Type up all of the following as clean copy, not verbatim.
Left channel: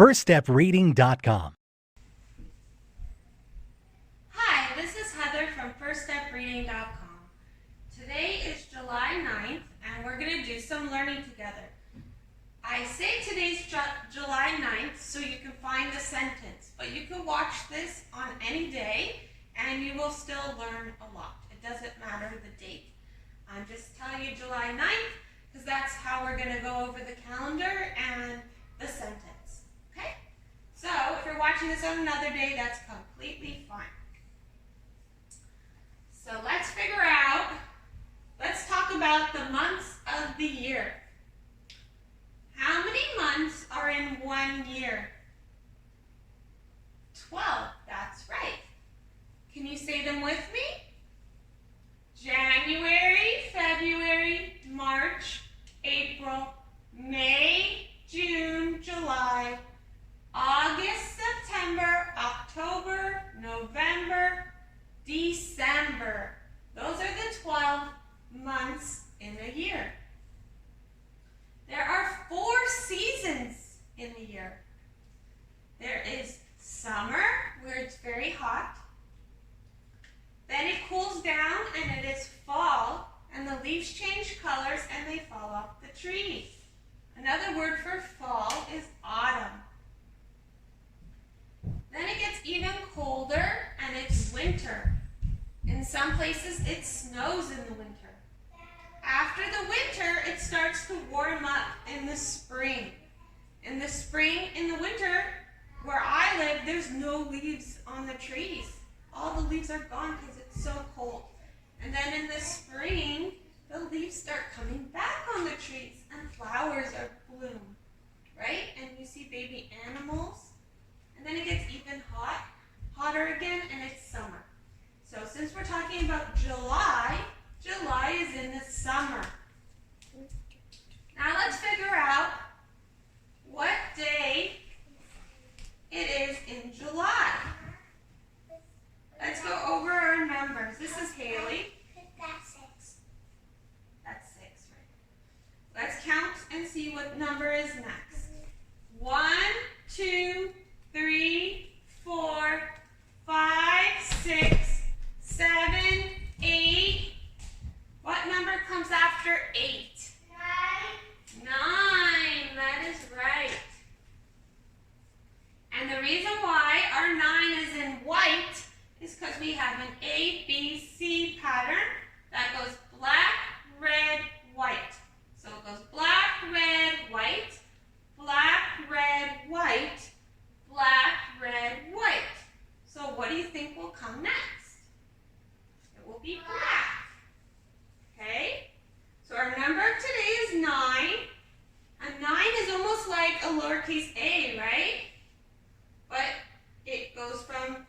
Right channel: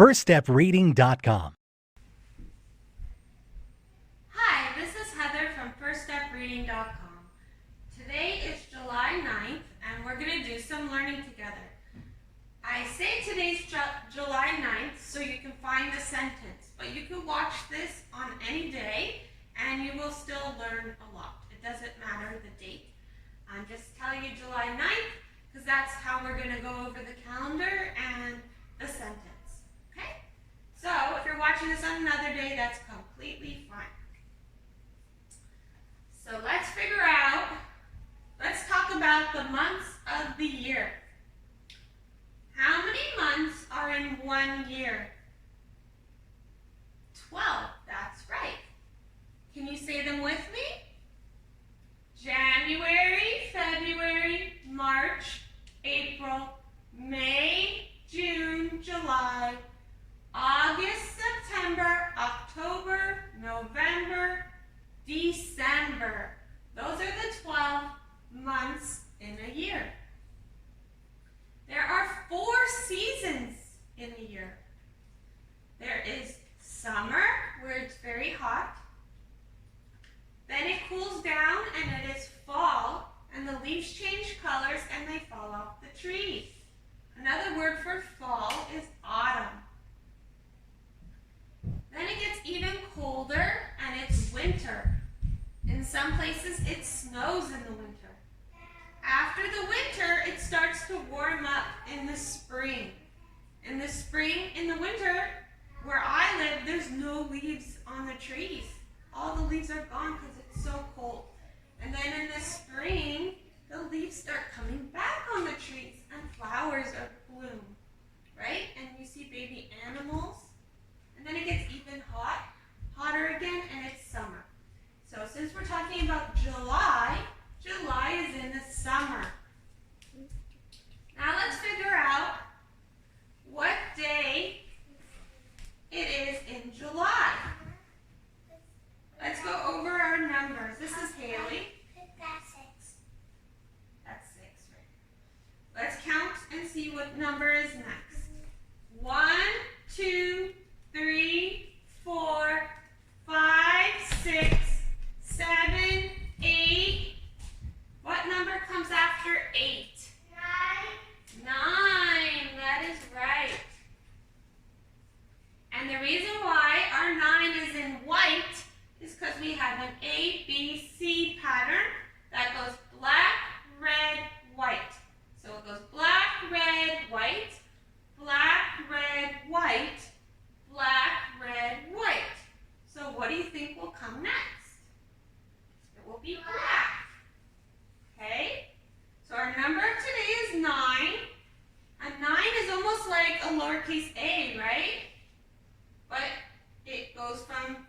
firststepreading.com. Hi, this is Heather from firststepreading.com. Today is July 9th and we're going to do some learning together. I say today's July 9th so you can find the sentence, but you can watch this on any day and you will still learn a lot. It doesn't matter the date. I'm just telling you July 9th because that's how we're going to go over the calendar and the sentence. Okay? So if you're watching this on another day, that's completely fine. So let's talk about the months of the year. How many months are in 1 year? 12, that's right. Can you say them with me? January, February, March, April, May, June, July, August, September, October, November, December. Those are the 12 months in a year. There are 4 seasons in a year. There is summer, where it's very hot. Then it cools down and it is fall, and the leaves change colors and they fall off the trees. Another word for fall is autumn. Then it gets even colder and it's winter. In some places it snows in the winter. After the winter, it starts to warm up in the spring. In the spring, in the winter, where I live, there's no leaves on the trees. All the leaves are gone because it's so cold. And then in the spring, the leaves start coming back on the trees and flowers are bloom, right? And you see baby animals. And then it gets even hotter again, and it's summer. So since we're talking about July, July is in the summer. Now let's figure out what day it is in July. Let's go over our numbers. This is Haley. That's 6. That's 6, right? Let's count and see what number is next. 1, 2, 3, 4, 5, 6, 7, 8. What number comes after 8? 9. That is right. And the reason why our 9 is in white is because we have an A, B, C pattern that goes black, red, white. So it goes black, red, white, black, red, white, black, red, white. So what do you think will come next? It will be black. Okay? So our number of today is 9. And 9 is almost like a lowercase a, right? But it goes from,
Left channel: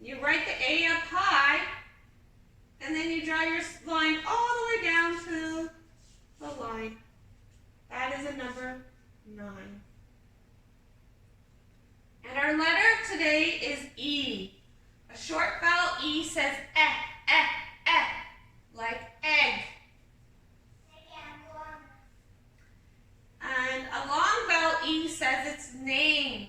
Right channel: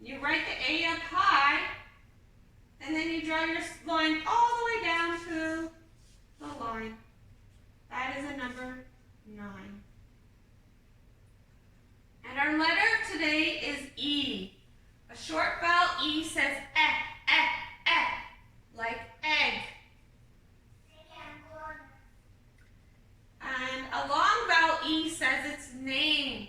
you write the A up high, and then you draw your line all the way down to the line. That is a number 9. And our letter of today is E. A short vowel E says like egg. And a long vowel E says its name,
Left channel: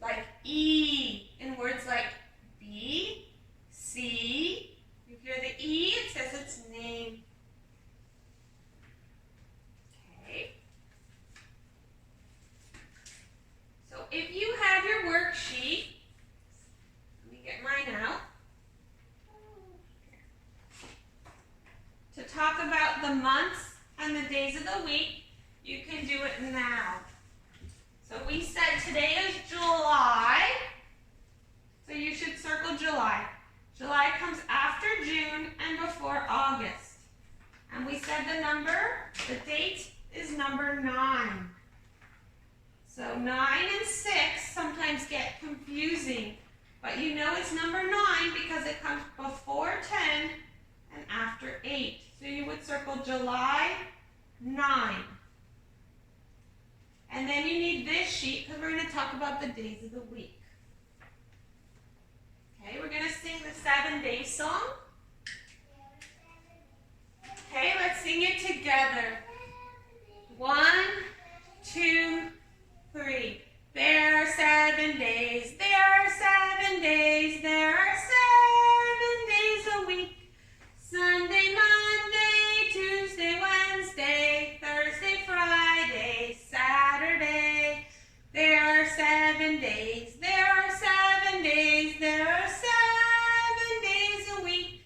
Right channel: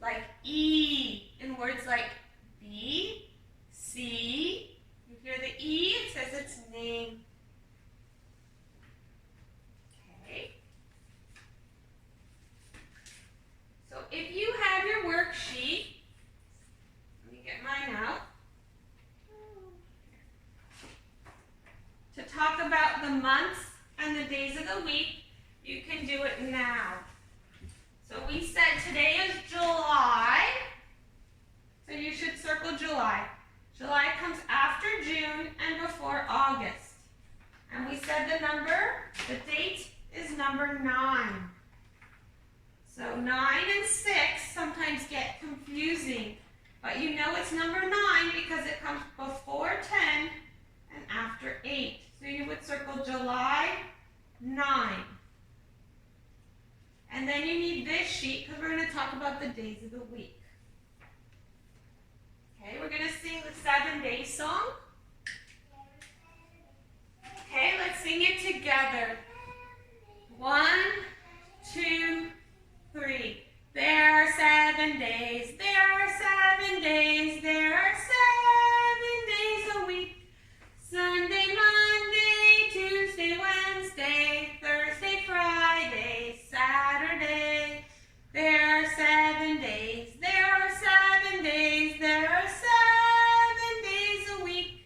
like E, in words like B, C. You hear the E, it says its name. Okay. So if you have your worksheet, let me get mine out. To talk about the months and the days of the week, you can do it now. So we said today is July, so you should circle July. July comes after June and before August. And we said the date is number 9. So 9 and 6 sometimes get confusing, but you know it's number 9 because it comes before 10 and after 8. So you would circle July 9. And then you need this sheet because we're going to talk about the days of the week. Okay, we're going to sing the 7-day song. Okay, let's sing it together. 1, 2, 3. There are 7 days. There are 7 days. There are 7 days a week. Sunday, Monday, Tuesday, Wednesday, Thursday, Friday, Saturday. There are 7 days. There are 7 days. There are 7 days a week.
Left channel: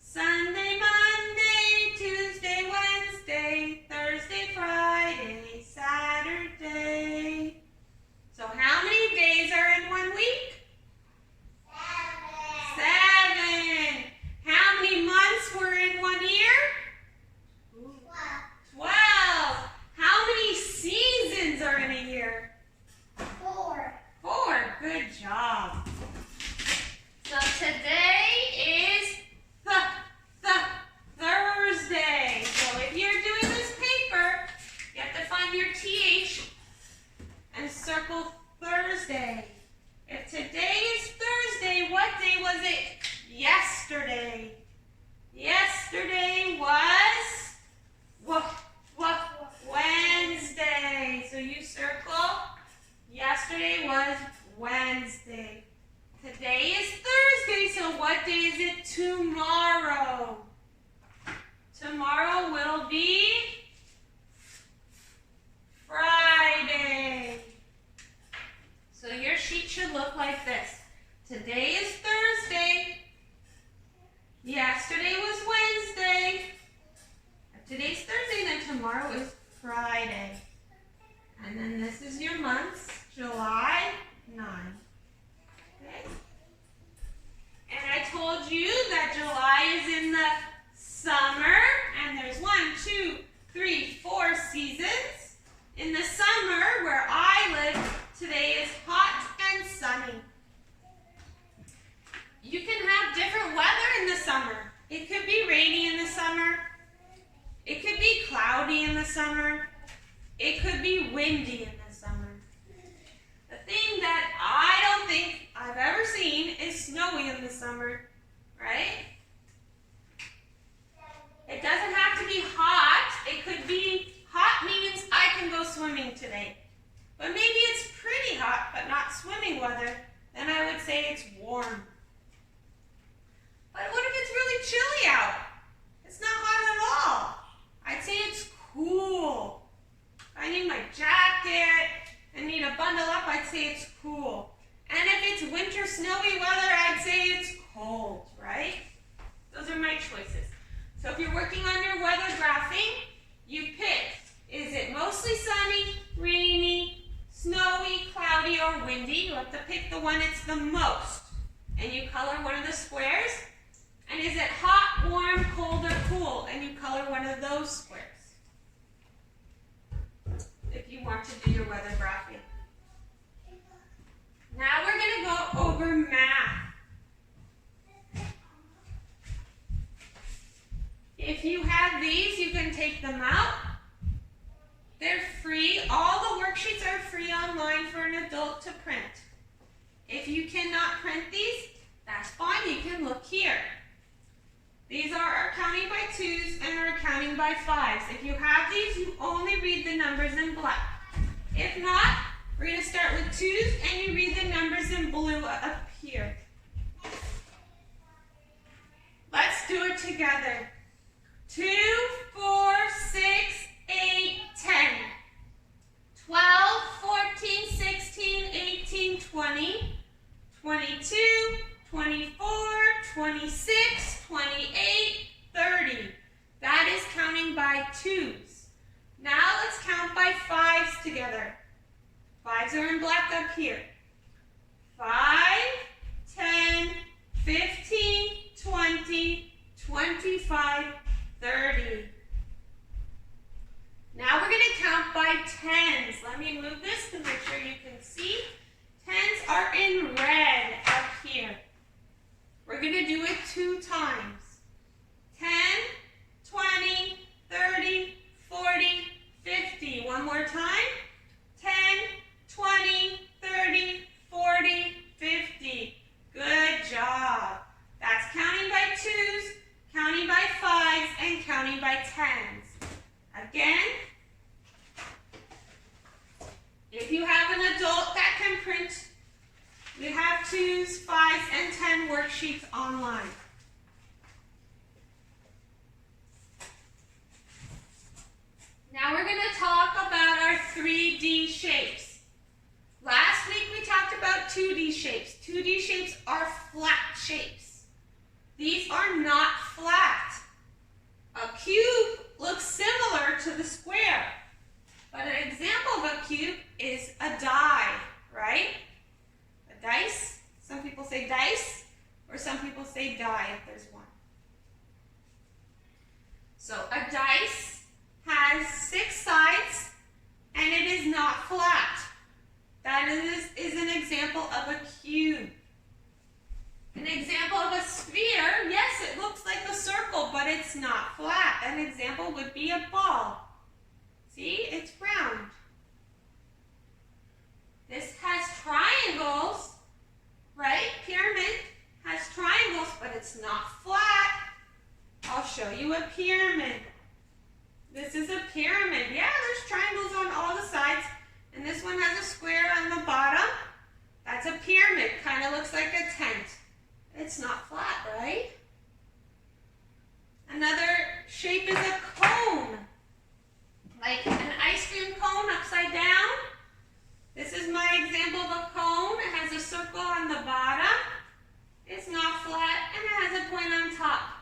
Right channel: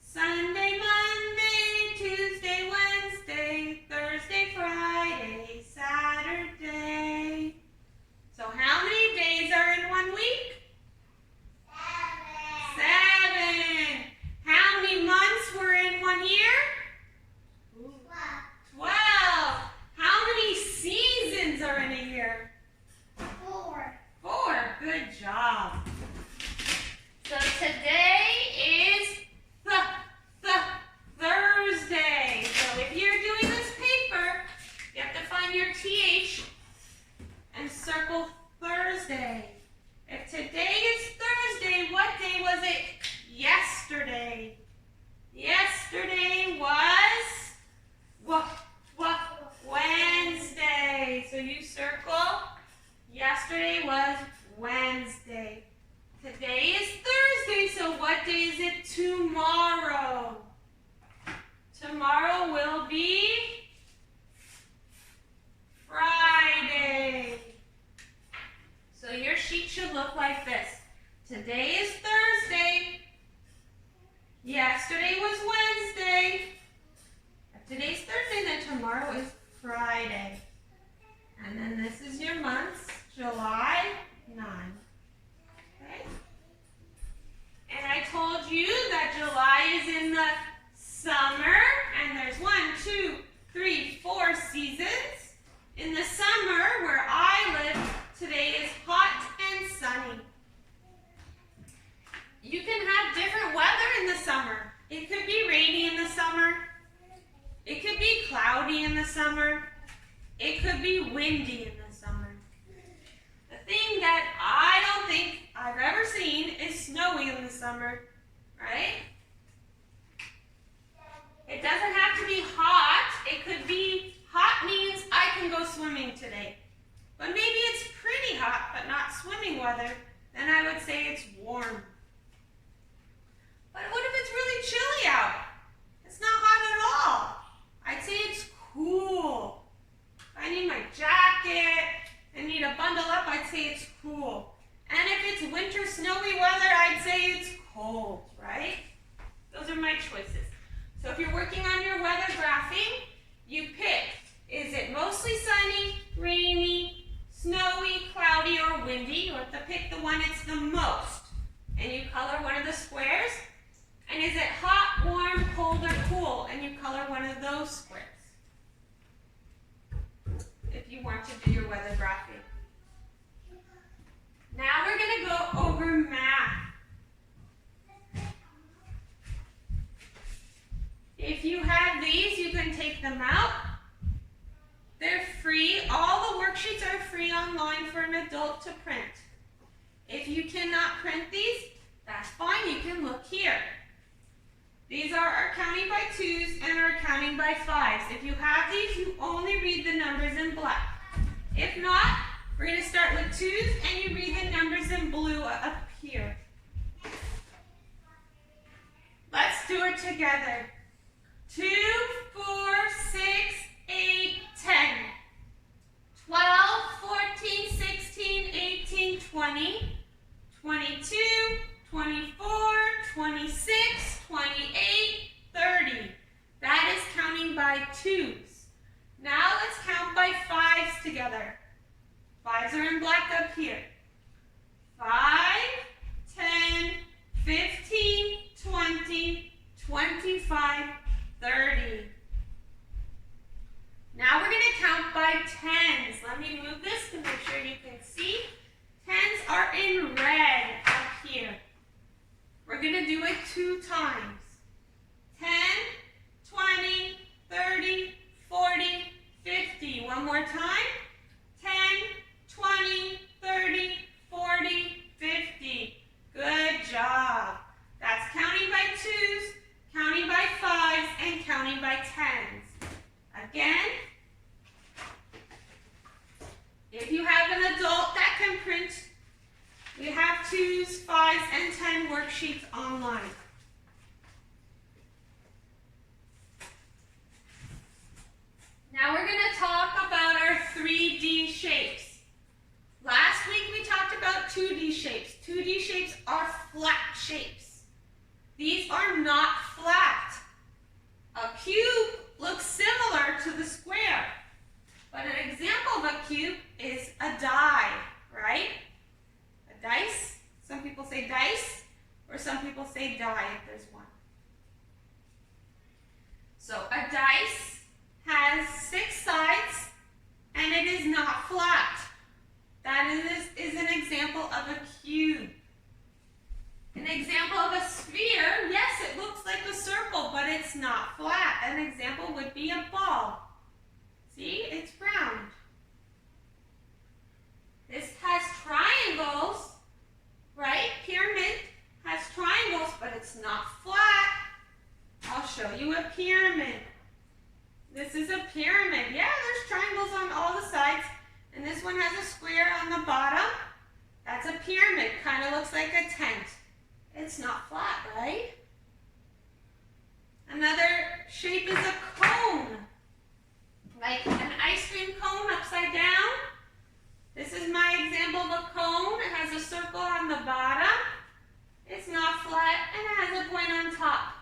Sunday, Monday, Tuesday, Wednesday, Thursday, Friday, Saturday. So how many days are in 1 week? 7. How many months were in 1 year? 12. How many seasons are in a year? 4. Good job. So today is Thursday. So if you're doing this paper, you have to find your TH and circle Thursday. If today is Thursday, what day was it? Yesterday. Yesterday was Wednesday. So you circle. Yesterday was Wednesday. Today is Thursday, so what day is it tomorrow? Tomorrow will be Friday. So your sheet should look like this. Today is Thursday. Yesterday was Wednesday. If today's Thursday, then tomorrow is Friday. And then this is your months, July 9. Okay? And I told you that July is in the summer, and there's 1, 2, 3, 4 seasons. In the summer, where I live, today is hot and sunny. You can have different weather in the summer. It could be rainy in the summer. It could be cloudy in the summer. It could be windy in the summer. The thing that I don't think I've ever seen is snowy in the summer, right? It doesn't have to be hot. It could be hot means I can go swimming today. But maybe it's pretty hot, but not swimming weather. Then I would say it's warm. But what if it's really chilly out? It's not hot at all. I'd say it's cool. If I need my jacket and need to bundle up, I'd say it's cool. And if it's winter snowy weather, I'd say it's cold, right? Those are my choices. So if you're working on your weather graphing, you pick, is it mostly sunny, rainy, snowy, cloudy, or windy? You have to pick the one it's the most. And you color one of the squares. And is it hot, warm, cold, or cool? And you color one of those squares. If you want to do your weather graphing. Now we're going to go over math. If you have these, you can take them out. They're free. All the worksheets are free online for an adult to print. If you cannot print these, that's fine. You can look here. These are our counting by 2s and our counting by 5s. If you have these, you only read the numbers in black. If not, we're going to start with 2s and you read the numbers in blue up here. Let's do it together. 2, 4, 6, 8, 10, 12, 14, 16, 18, 20, 22, 24, 26, 28, 30. That is counting by 2s. Now let's count by 5s together. 5s are in black up here. 5, 10, 15, 20, 25, 30. Now we're going to count by 10s. Let me move this to make sure you can see. 10s are in red up here. We're going to do it 2 times. 10, 20, 30, 40, 50. One more time. 10, 20, 30, 40, 50. Good job. That's counting by 2s, counting by 5s, and counting by 10s. Again, if you have an adult 2s, 5s, and 10 worksheets online. Now we're going to talk about our 3D shapes. Last week we talked about 2D shapes. 2D shapes are flat shapes. These are not flat. A cube looks similar to the square, but an example of a cube is a die, right? A dice. Some people say dice, or some people say die if there's one. So a dice has 6 sides, and it is not flat. That is an example of a cube. An example of a sphere, yes, it looks like a circle, but it's not flat. An example would be a ball. See, it's round. This has triangles, right? Pyramid has triangles, but it's not flat. I'll show you a pyramid. This is a pyramid. Yeah, there's triangles on all the sides, and this one has a square on the bottom. That's a pyramid, kind of looks like a tent. It's not flat, right? Another shape is a cone, like an ice cream cone upside down. This is my example of a cone. It has a circle on the bottom. It's not flat, and it has a point on top.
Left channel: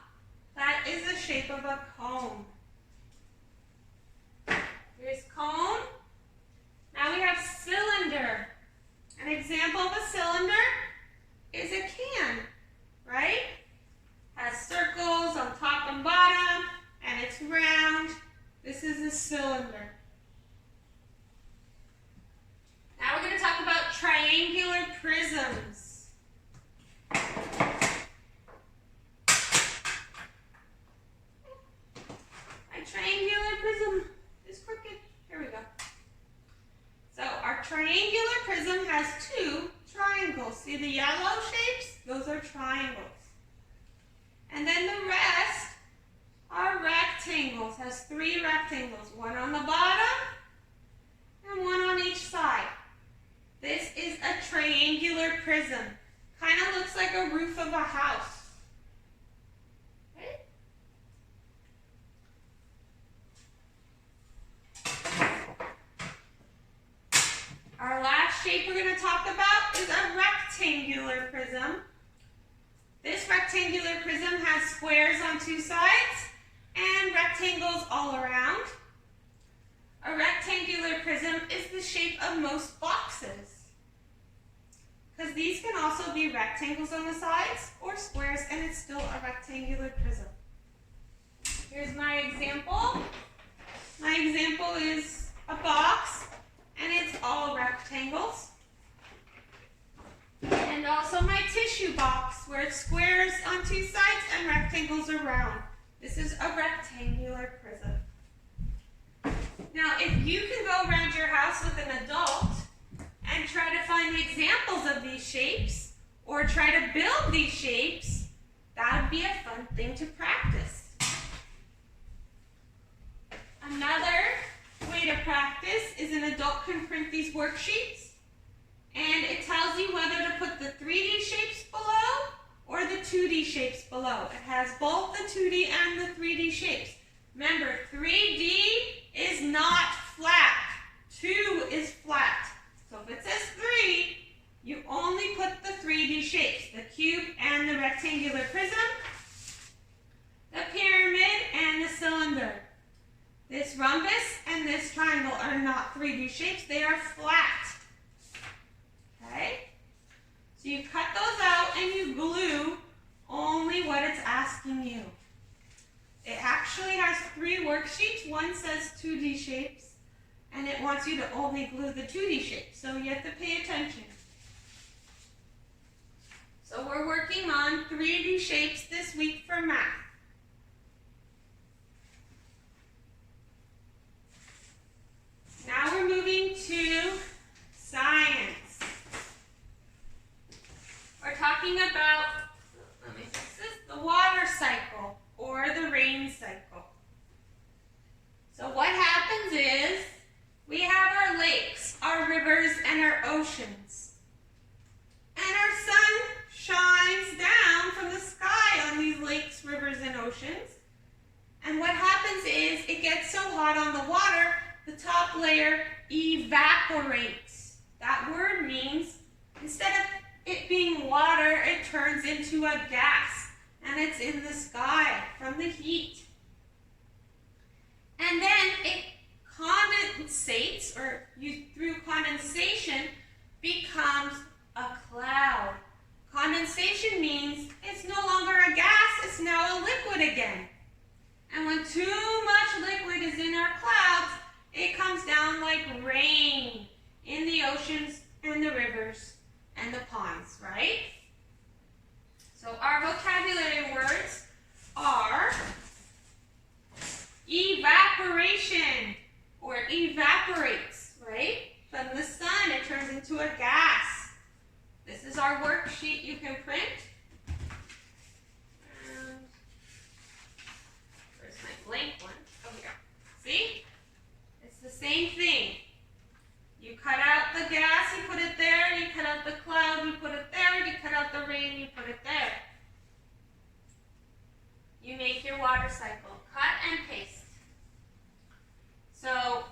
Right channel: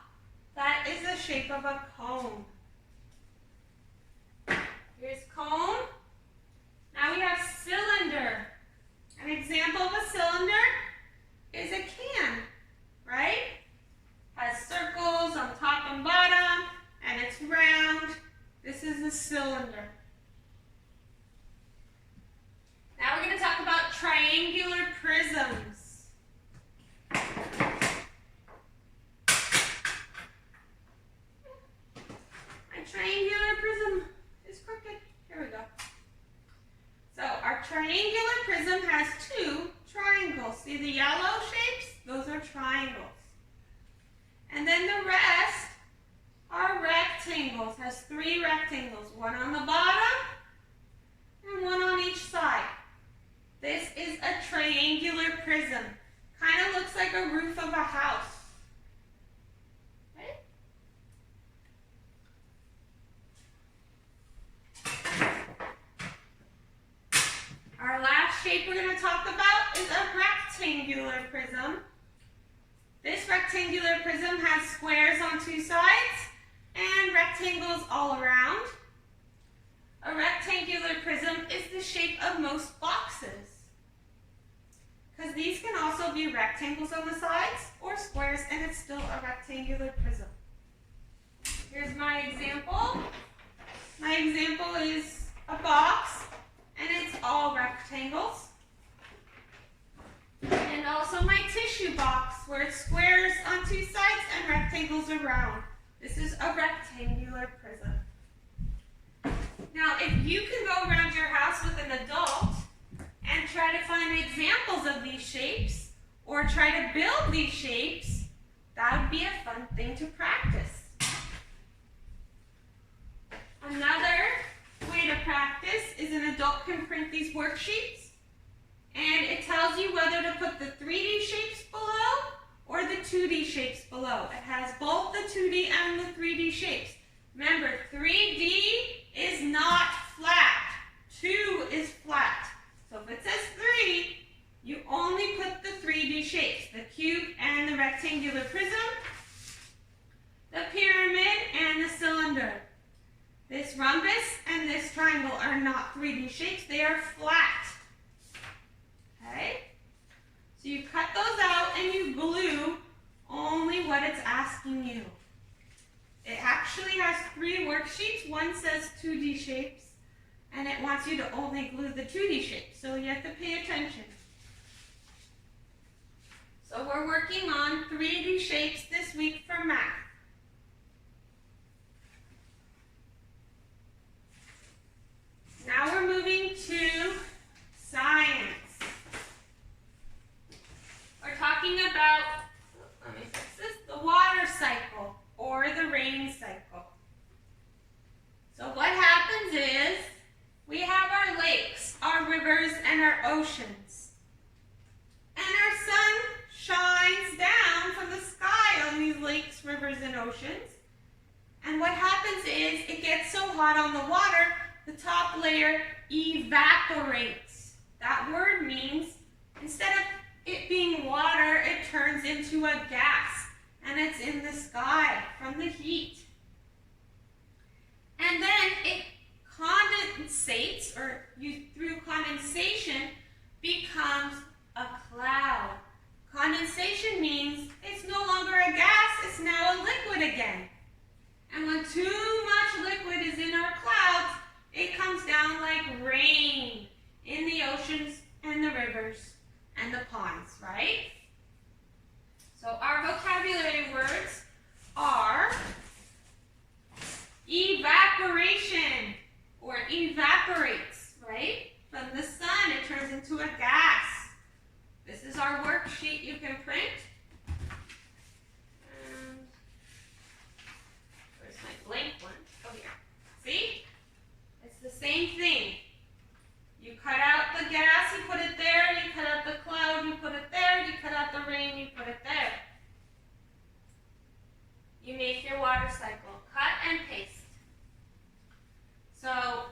That is the shape of a cone. Here's cone. Now we have cylinder. An example of a cylinder is a can, right? Has circles on top and bottom, and it's round. This is a cylinder. Now we're going to talk about triangular prisms. My triangular prism is crooked. Here we go. So our triangular prism has 2 triangles. See the yellow shapes? Those are triangles. And then the rest are rectangles. Has 3 rectangles. One on the bottom and one on each side. This is a triangular prism. Kind of looks like a roof of a house. Right? Our last shape we're going to talk about is a rectangular prism. This rectangular prism has squares on 2 sides and rectangles all around. A rectangular prism is the shape of most boxes, because these can also be rectangles on the sides or squares, and it's still a rectangular prism. Here's my example. My example is a box, and it's all rectangles. And also my tissue box, where it's squares on 2 sides and rectangles around. This is a rectangular prism. Now, if you can go around your house with an adult and try to find examples of these shapes, or try to build these shapes, that would be a fun thing to practice. Another way to practice is an adult can print these worksheets, and it tells you whether to put the 3D shapes below or the 2D shapes below. It has both the 2D and the 3D shapes. Remember, 3D is not flat. 2 is flat. So if it says 3, you only put the 3D shapes, the cube and the rectangular prism, the pyramid and the cylinder. This rhombus and this triangle are not 3D shapes, they are flat. Okay? So you cut those out and you glue only what it's asking you. It actually has 3 worksheets. One says 2D shapes, and it wants you to only glue the 2D shapes, so you have to pay attention. So we're working on 3D shapes this week for math. Now we're moving to science. We're talking about, let me fix this, the water cycle or the rain cycle. So what happens is we have our lakes, our rivers, and our oceans. And our sun these lakes, rivers, and oceans. And what happens is it gets so hot on the water, the top layer evaporates. That word means instead of it being water, it turns into a gas, and it's in the sky from the heat. And then it condensates, or through condensation, becomes a cloud. Condensation means it's no longer a gas, it's now a liquid again. And when too much liquid is in our clouds, it comes down like rain in the oceans and the rivers and the ponds, right? So our vocabulary words are evaporation, or evaporates, right? From the sun, it turns into a gas. This is our worksheet you can print. Where's my blank one? Oh, here. See? It's the same thing. You cut out the gas, you put it there. You cut out the cloud, you put it there. You cut out the rain, you put it there. You make your water cycle. Cut and paste. So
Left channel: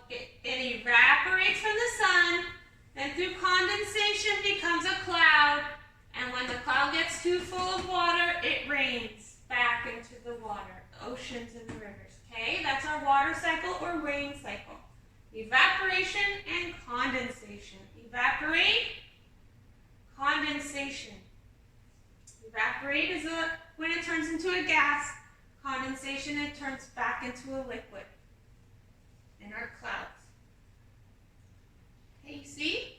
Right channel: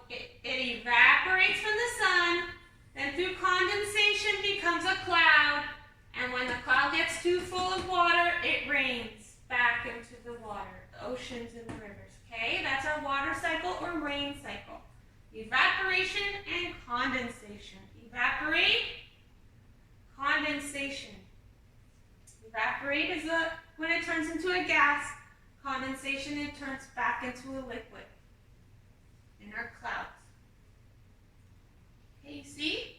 it evaporates from the sun, then through condensation becomes a cloud, and when the cloud gets too full of water, it rains back into the water, the oceans and the rivers. Okay, that's our water cycle or rain cycle. Evaporation and condensation. Evaporate, condensation. Evaporate is when it turns into a gas. Condensation, it turns back into a liquid in our clouds. Okay, you see?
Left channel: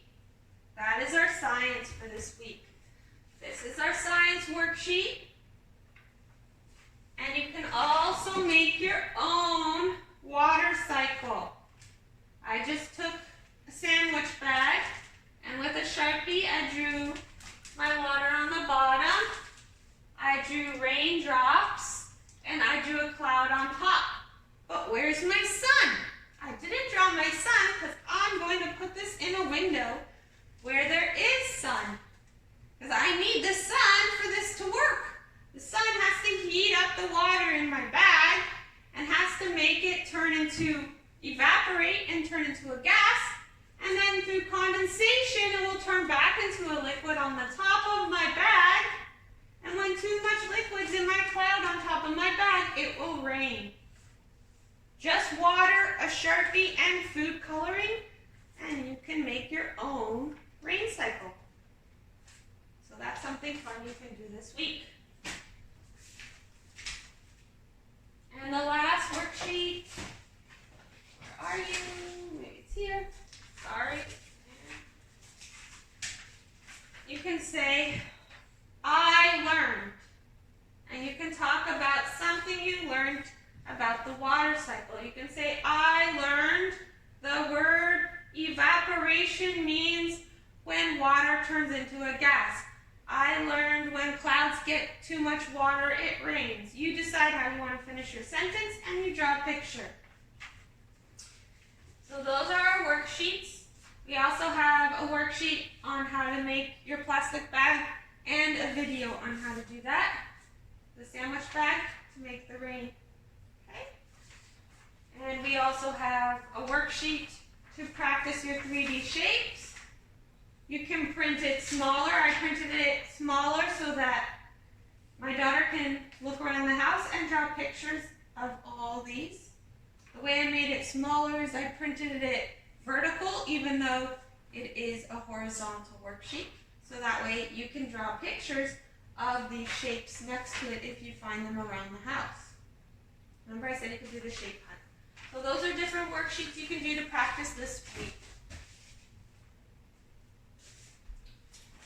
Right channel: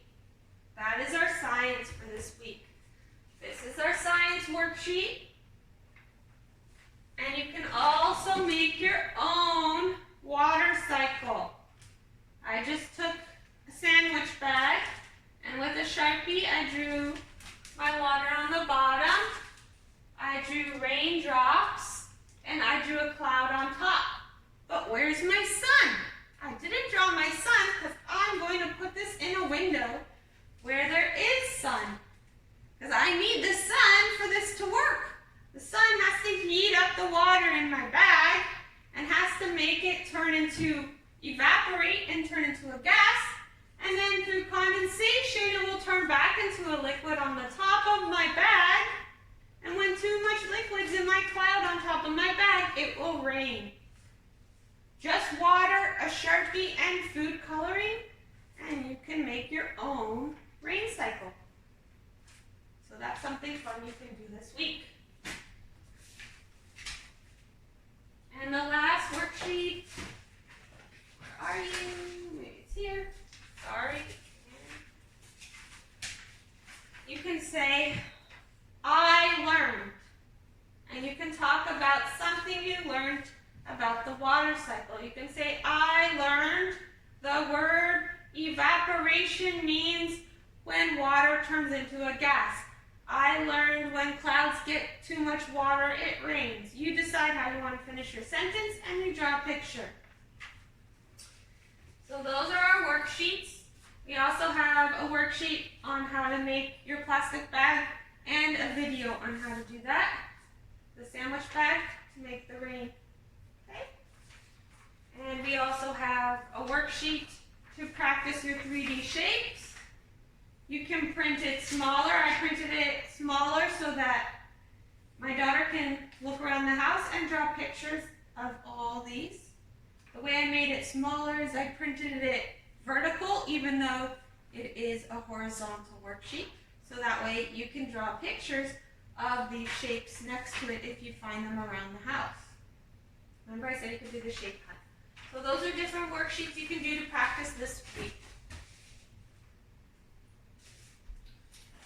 That is our science for this week. This is our science worksheet. And you can also make your own water cycle. I just took a sandwich bag, and with a Sharpie, I drew my water on the bottom. I drew raindrops, and I drew a cloud on top. But where's my sun? I didn't draw my sun because I'm going to put this in a window where there is sun. Because I need the sun for this to work. The sun has to heat up the water in my bag and has to make it evaporate and turn into a gas. And then through condensation, it will turn back into a liquid on the top of my bag. And when too much liquid's in my cloud on top of my bag, it will rain. Just water, a Sharpie, and food coloring, and you can make your own rain cycle. So that's something fun you can do this week. And the last worksheet, where are you? Maybe it's here. Sorry. You can say, I learned. And you can talk about something you learned about the water cycle. You can say, I learned the word evaporation means when water turns into a gas. I learned when clouds get too much water, it rains. You decide how you want to finish your sentence, and you draw a picture. So those are our worksheets. We also have a worksheet on how to make your plastic bag and a video on how to do that. The sandwich bag to make the rain. Okay? And we also have a worksheet to practice your 3D shapes. You can print it smaller. I printed it smaller so that my daughter can look around the house and draw pictures of all these. The way I made it smaller is I printed it vertical, even though it is a horizontal worksheet. So that way you can draw pictures of these shapes next to it if you find them around the house. Remember I said you could do the shape hunt. So those are different worksheets you can do to practice this week.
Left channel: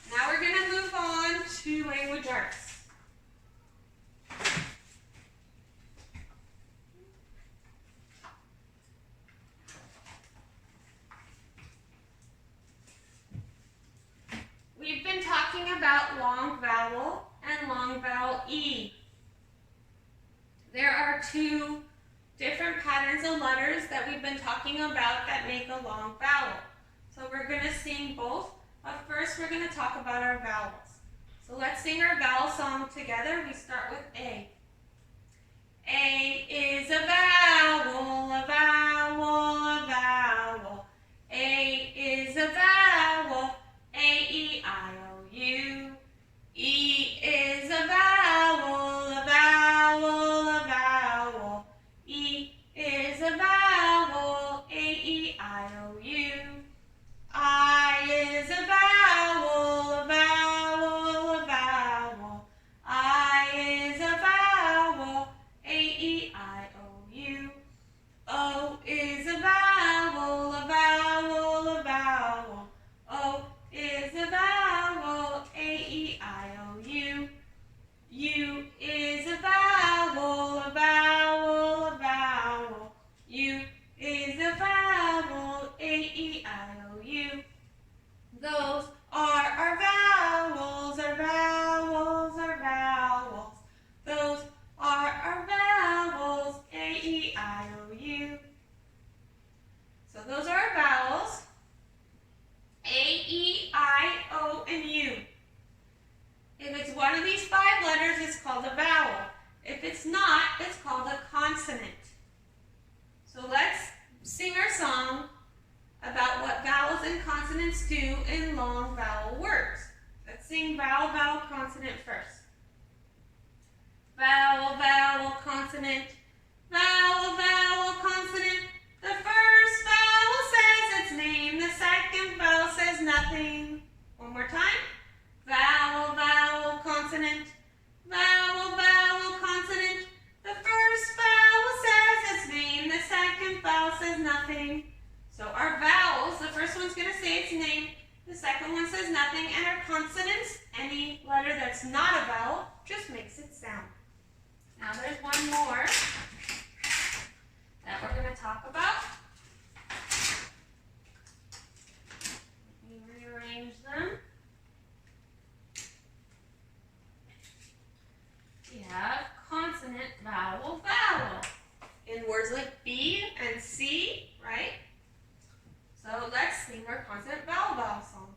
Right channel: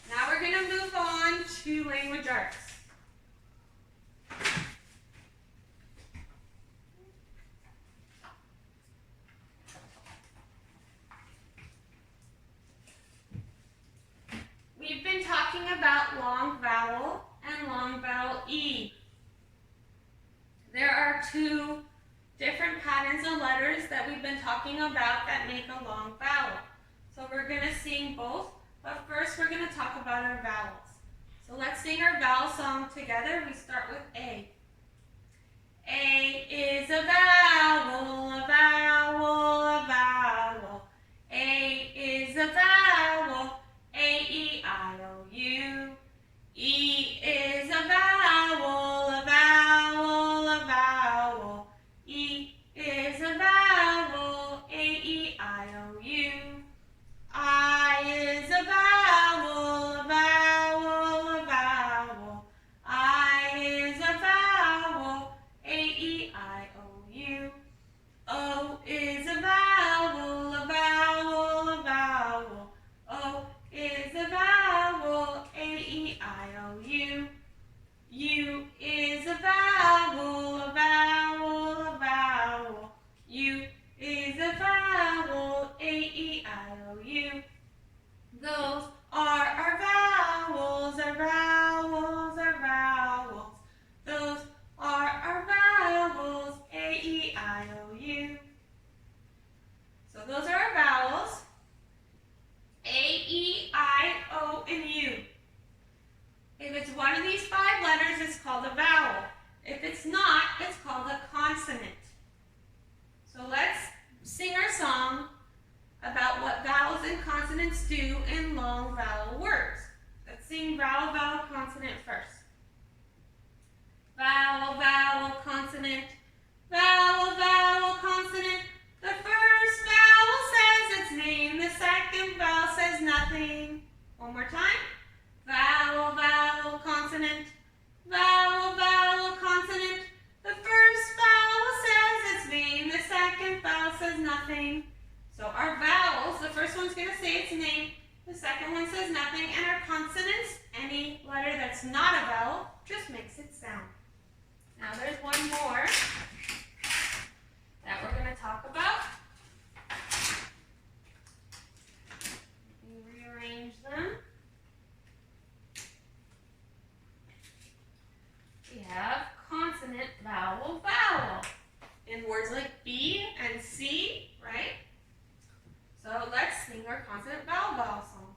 Now we're going to move on to language arts. We've been talking about long vowel and long vowel E. There are two different patterns of letters that we've been talking about that make a long vowel. So we're going to sing both, but first we're going to talk about our vowels. So let's sing our vowel song together. We start with A. A is a vowel, a vowel, a vowel. A is a vowel, A-E-I-O-U. E is a vowel, a vowel, a vowel. E is a vowel, A-E-I-O-U. I is a vowel, a vowel, a vowel. I is a vowel, A-E-I-O-U. O is a vowel, a vowel, a vowel. O is a vowel, A-E-I-O-U. U is a vowel, a vowel, a vowel. U is a vowel, A-E-I-O-U. Those are our vowels, our vowels, our vowels. Those are our vowels, A-E-I-O-U. So those are our vowels, A-E-I-O, and U. If it's one of these 5 letters, it's called a vowel. If it's not, it's called a consonant. So let's sing our song about what vowels and consonants do in long vowel words. Let's sing vowel, vowel, consonant first. Vowel, vowel, consonant. Vowel, vowel, consonant. The first vowel says its name. The second vowel says nothing. One more time. Vowel, vowel, consonant. Vowel, vowel, consonant. The first vowel says its name. The second vowel says nothing. So our vowels, the first one's going to say its name. The second one says nothing. And our consonants, any letter that's not a vowel, just makes it sound. Now there's one more that we're going to talk about. Let me rearrange them. We have consonant, vowel, vowel. In words like B and C, right? So let's sing our consonant, vowel, vowel song.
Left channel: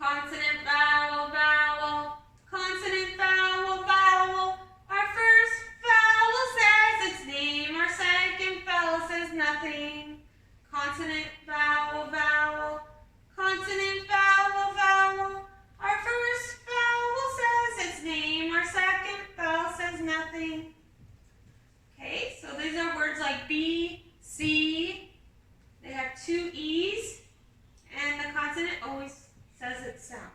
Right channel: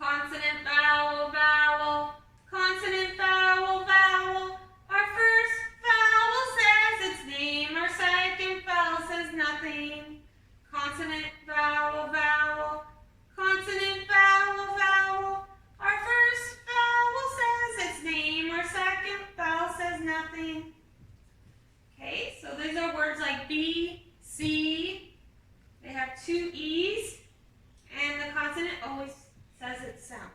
Consonant, vowel, vowel. Consonant, vowel, vowel. Our first vowel says its name. Our second vowel says nothing. Consonant, vowel, vowel. Consonant, vowel, vowel. Our first vowel says its name. Our second vowel says nothing. Okay, so these are words like B, C. They have 2 E's, and the consonant always says its sound.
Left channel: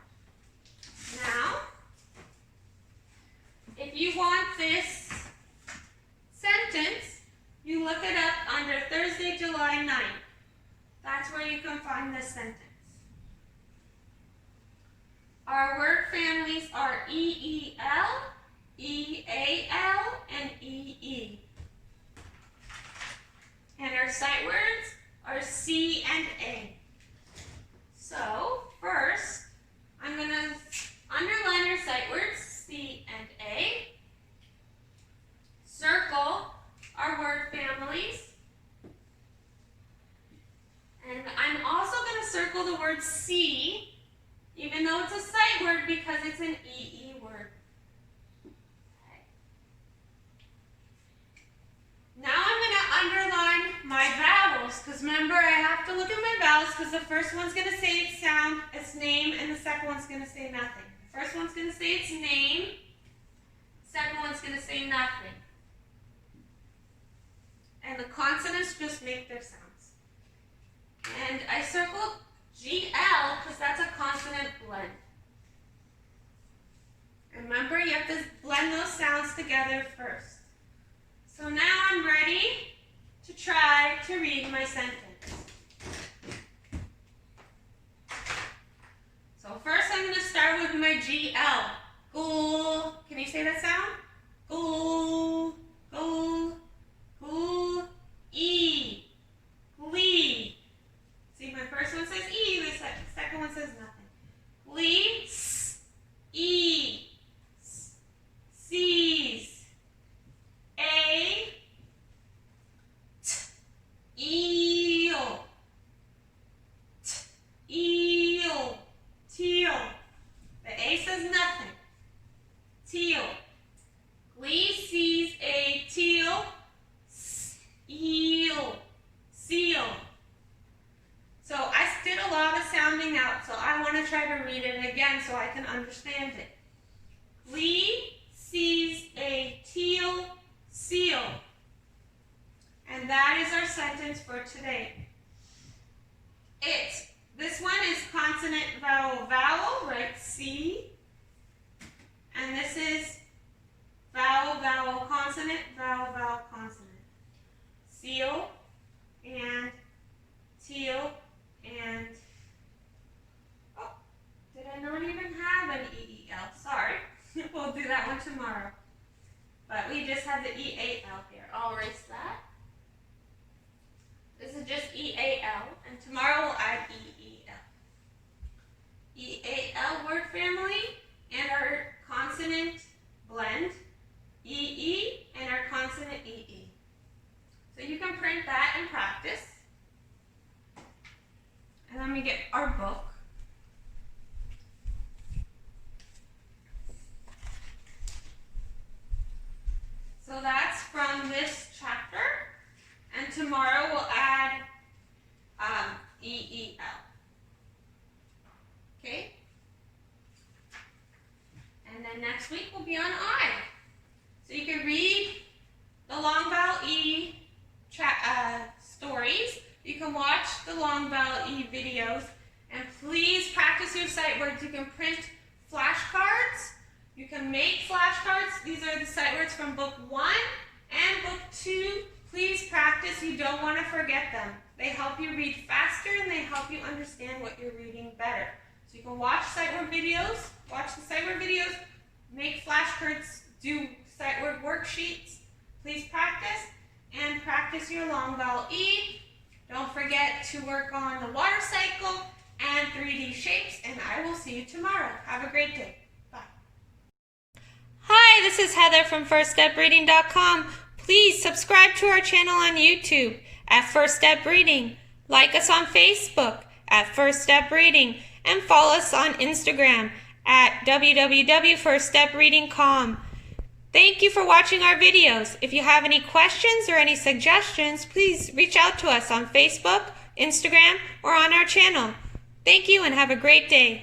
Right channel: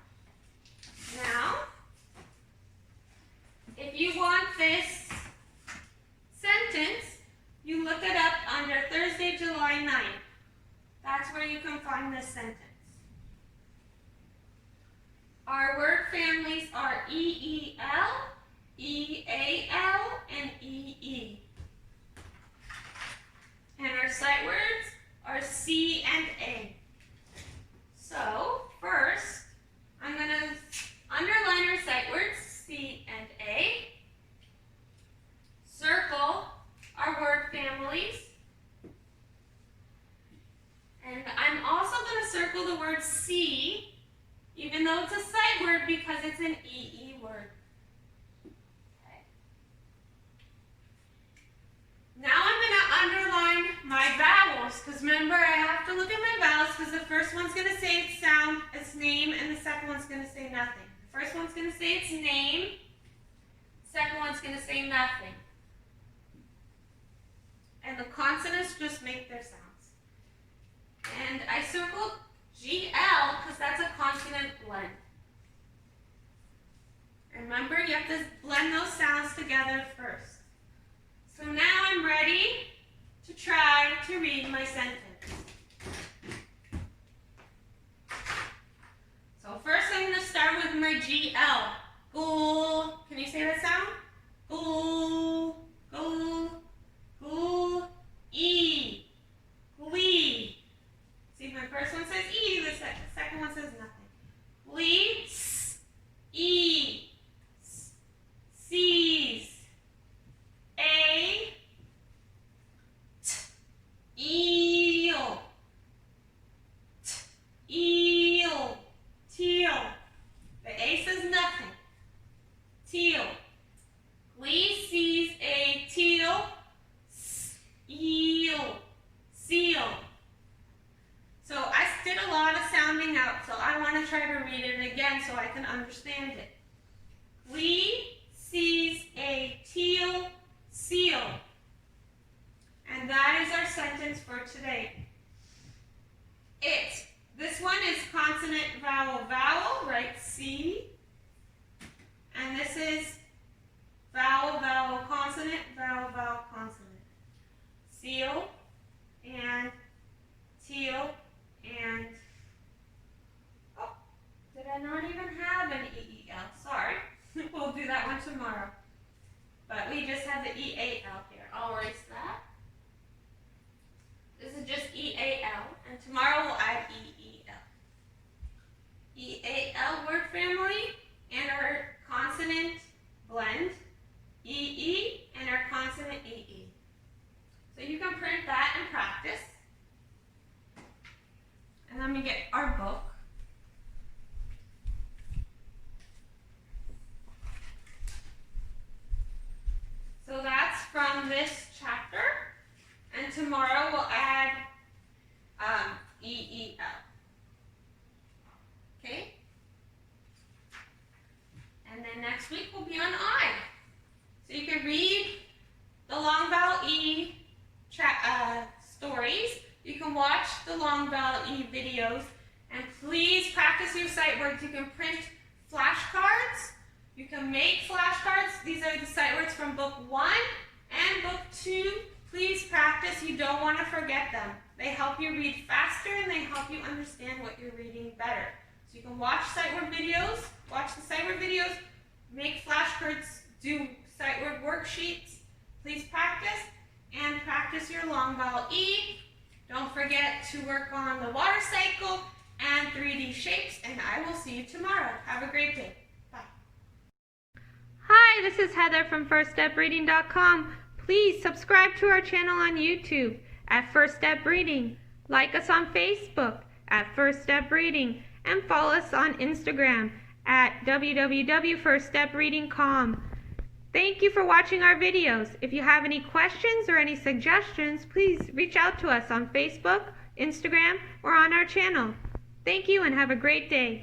Now, if you want this sentence, you look it up under Thursday, July 9th. That's where you can find this sentence. Our word families are E-E-L, E-A-L, and E-E. And our sight words are C and A. So, first, I'm going to underline our sight words, C and A. Circle our word families. And I'm also going to circle the word C, even though it's a sight word because it's an E-E word. Okay. Now I'm going to underline my vowels, because remember, I have to look at my vowels because the first one's going to say its sound, its name, and the second one's going to say nothing. The first one's going to say its name, second one's going to say nothing. And the consonants just make their sounds. And I circled GL because that's a consonant blend. And remember, you have to blend those sounds together first. So now I'm ready to try to read my sentence. So first I'm going to start with my GL. Ghoul. Can you say that sound? Ghoul, ghoul, ghoul, E, glee. See, my first one says E, the second one says nothing. Glee, S, E, S, C's, A, T, eel, T, eel, teal. The A says nothing. teal. Glee sees a teal, eel, seal. So I did a lot of sounding out, so I want to try to read it again so I can understand it. Glee sees a teal, seal. And that is our sentence for today. This one is consonant, vowel, vowel, right? C. And this is vowel, vowel, consonant, vowel, vowel, consonant. Seal and teal and, oh, did I not even have an E-E-L? Sorry. We'll do that one tomorrow. But we just have the E-A-L here. I'll erase that. This is just E-A-L, and tomorrow we'll add E-E-L. E-A-L word family, and our consonant blend, E-E, and our consonant E-E. So you can print that and practice. And then we get our book. So that's from this chapter. And tomorrow we'll add E-E-L. Okay? And then next week we'll be on I. So you can read the long vowel E stories. You can watch the long vowel E videos. And please practice your sight words. You can print flashcards. You can make flashcards. These are the sight words from book 1 and book 2. Please practice. You don't want to forget them. They help you read faster and they help you understand what you're reading better. So you can watch sight word videos, make flashcards, do sight word worksheets. Please practice and practice your long vowel E. Don't forget to work on the water cycle and 3D shapes, and I will see you tomorrow. Have a great day. Bye. Hi, this is Heather from FirstStepReading.com. Please subscribe to our channel on YouTube at First Step Reading. Like us on Facebook at First Step Reading, and follow us on Instagram at www.firststepreading.com. Thank you for watching our videos. If you have any questions or any suggestions, please reach out to us on Facebook, Instagram, or on our channel. Thank you and have a great day.